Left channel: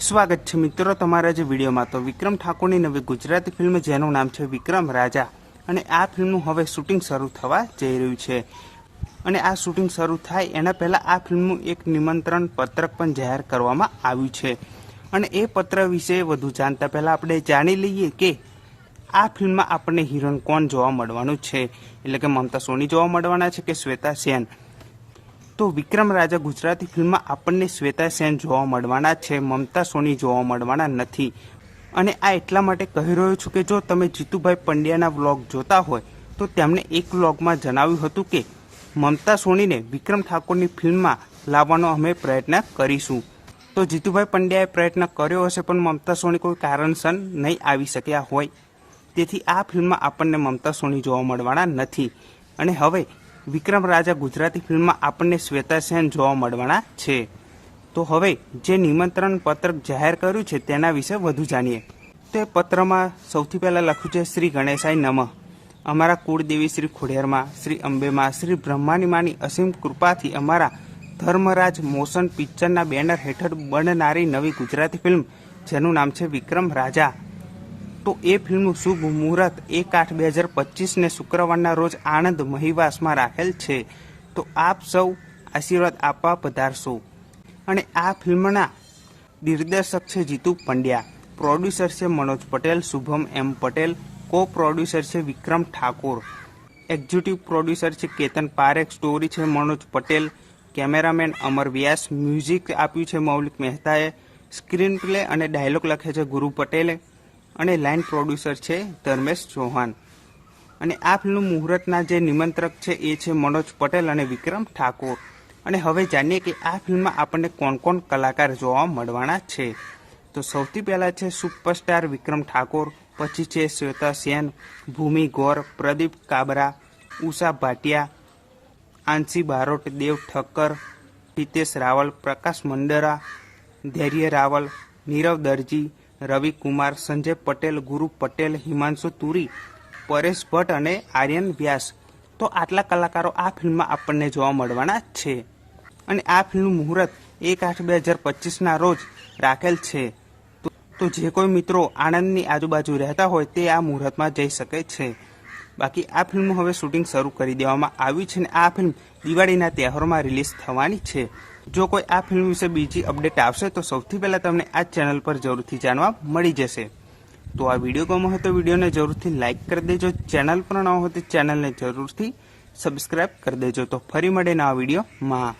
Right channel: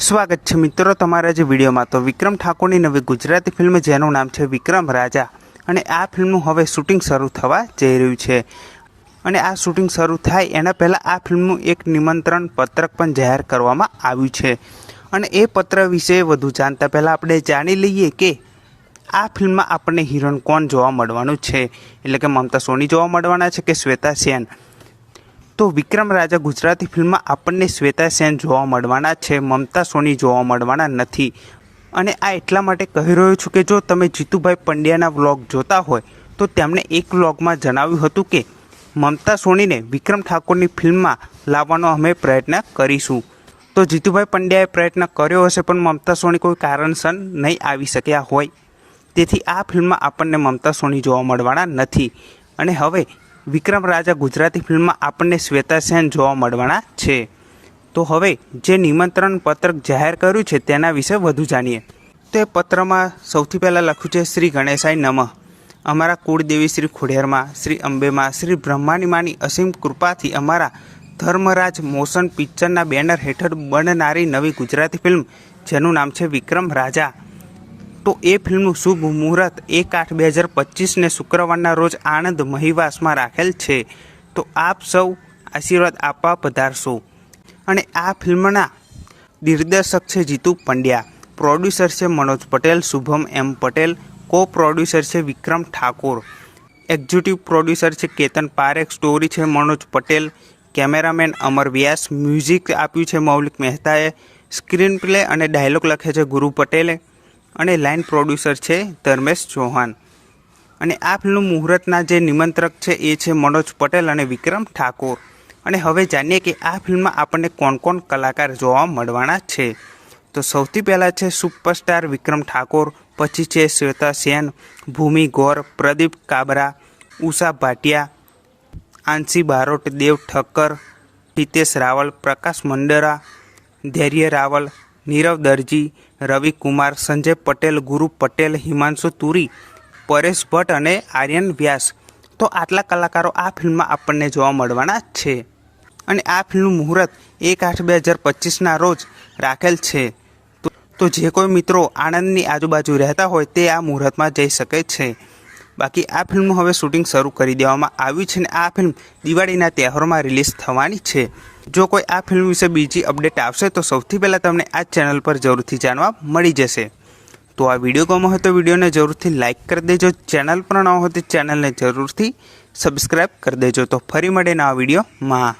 સ્વાગત છે મિત્રો તમારા જે વિડીયોમાં। તો વિક્રમ ઠાકોરની નવી ગુજરાતી ફિલ્મ જેનું નામ છે વિક્રમ રાજા અને આ ફિલ્મનું હવે શૂટિંગ શરૂ થવા જઈ રહ્યું છે અને આ શૂટિંગ શરૂ થાય એના પહેલાં આ ફિલ્મનું એક નિમંત્રણ પત્રક પણ જાહેર કરવામાં આવ્યું છે અને એ પત્ર વિશે વધુ જાણતા પહેલાં આપણે જાણી લઈએ કે આ ફિલ્મમાં આપણને હિરોઈન કોણ જોવા મળવાનું છે, એટલે કે મમતા સોની જોવા મળવાના છે કે શ્વેતા સેન। તો વિક્રમ રાજા ગુજરાતી ફિલ્મમાં આપણને શ્વેતા સેન જોવા મળવાના છે, મમતા સોની જોવા મળવાના નથી। અને આ એટલા માટે કહી રહ્યો છું કે જો તમે જીતુભાઈ પંડ્યાના વ્લોગ જોતા હોય તો તેમણે એક વ્લોગમાં જણાવ્યું હતું કે મમતા સોનીને વિક્રમ ઠાકોરની ફિલ્મમાં લાવવાનો અમે પ્રયત્ન કરીશું। તો જીતુભાઈ પંડ્યાએ પ્રયત્ન કર્યો હશે પણ મમતા સોની કોઈ કારણસર નહીં આવી શક્યા હોય, તેથી આ ફિલ્મમાં આપણને મમતા સોની જોવા મળવાના નથી અને હવે વિક્રમ રાજા ગુજરાતી ફિલ્મમાં આપણને શ્વેતા સેન જોવા મળવાના છે। તો હવે જે નિમંત્રણ પત્રક જાહેર કર્યું છે તેના વિશે વધુ જાણીએ। તે પત્રમાં સૌથી પહેલાં લખ્યું છે શ્રી ગણેશાય નમઃ, અમારા કુળદેવી શ્રી ખોડિયારમાં, શ્રી અંબેમાં, શ્રી બ્રહ્માની માની અસીમ કૃપાથી અમારા ધર્મરાજ મોશન પિક્ચરના બેનર હેઠળ બનનારી નવી ગુજરાતી ફિલ્મ જેનું નામ છે વિક્રમ રાજા, તો એ ફિલ્મનું શુભ મુહૂર્ત 1/8/2025ને શુક્રવારના રોજ આણંદ મહીવાસમાં રાખેલ છે। તો આપ સૌ આશીર્વાદ આપવા પધારશો। અને આ ફિલ્મના દિગ્દર્શક છે જીતુ પંડ્યા, પ્રોડ્યુસર છે મનોજ પટેલ, શુભમ એમ પટેલ, કો પ્રોડ્યુસર છે વિક્રમ ઠાકોર, એક્ઝિક્યુટિવ પ્રોડ્યુસર છે કેતન પારેખ, સ્ટોરી છે મનોજ પટેલ, કેમેરામેન અમર વ્યાસ, મ્યુઝિક આપ્યું છે મૌલિક મહેતાએ, સ્ક્રીન પ્લે અને ડાયલોગ લખે છે ગુરુ પટેલે અને લાઇન પ્રોડ્યુસર છે ધર્મેશ ચૌહાણ। અને આ ફિલ્મનું મુહૂર્તના જે નિમંત્રક છે એ છે મનોજ પટેલ અને વિક્રમ ઠાકોર। અને હવે જાણીએ કે આ ફિલ્મમાં આપણને કોણ કોણ કલાકાર જોવા મળવાના છે। તો સૌથી પહેલાં છે સુપરસ્ટાર વિક્રમ ઠાકોર, પછી છે શ્વેતા સેન, ભૂમિ ગૌર, પ્રદીપ કાબરા, ઉષા ભાટિયા, આંશી બારોટ, દેવ ઠક્કર, હિતેશ રાવલ, પ્રકાશ મંડરા, ધૈર્ય રાવલ, નીરવ દરજી, રવિ કુમાર, સંજય પટેલ, ગુરુ પટેલ, હિમાંશુ તુરી, પરેશ ભટ્ટ અને આર્યન વ્યાસ। તો આટલા કલાકારો આ ફિલ્મમાં આપણને જોવા મળવાના છે અને આ ફિલ્મનું મુહૂર્ત 1/8/2025ના રોજ રાખેલ છે। તો જે કોઈ મિત્રો આણંદની આજુબાજુ રહેતા હોય તે આ મુહૂર્તમાં જઈ શકે છે। બાકી આ ફિલ્મનું હવે શૂટિંગ શરૂ કરી દેવામાં આવ્યું છે અને આ ફિલ્મ દિવાળીના તહેવારોમાં રિલીઝ થવાની છે। જો કોઈ આ ફિલ્મ વિશે બીજી અપડેટ આવશે તો સૌથી પહેલાં તમને આ ચેનલ પર જરૂરથી જાણવા મળી જશે। તો આ વિડીયો ગમ્યો હોય તો વિડીયોને જરૂરથી લાઇક કરી દેજો, ચેનલ પર ન હોય તો ચેનલને જરૂરથી સબસ્ક્રાઈબ કરી દેજો। તો ફરી મળે નવા વિડીયોમાં।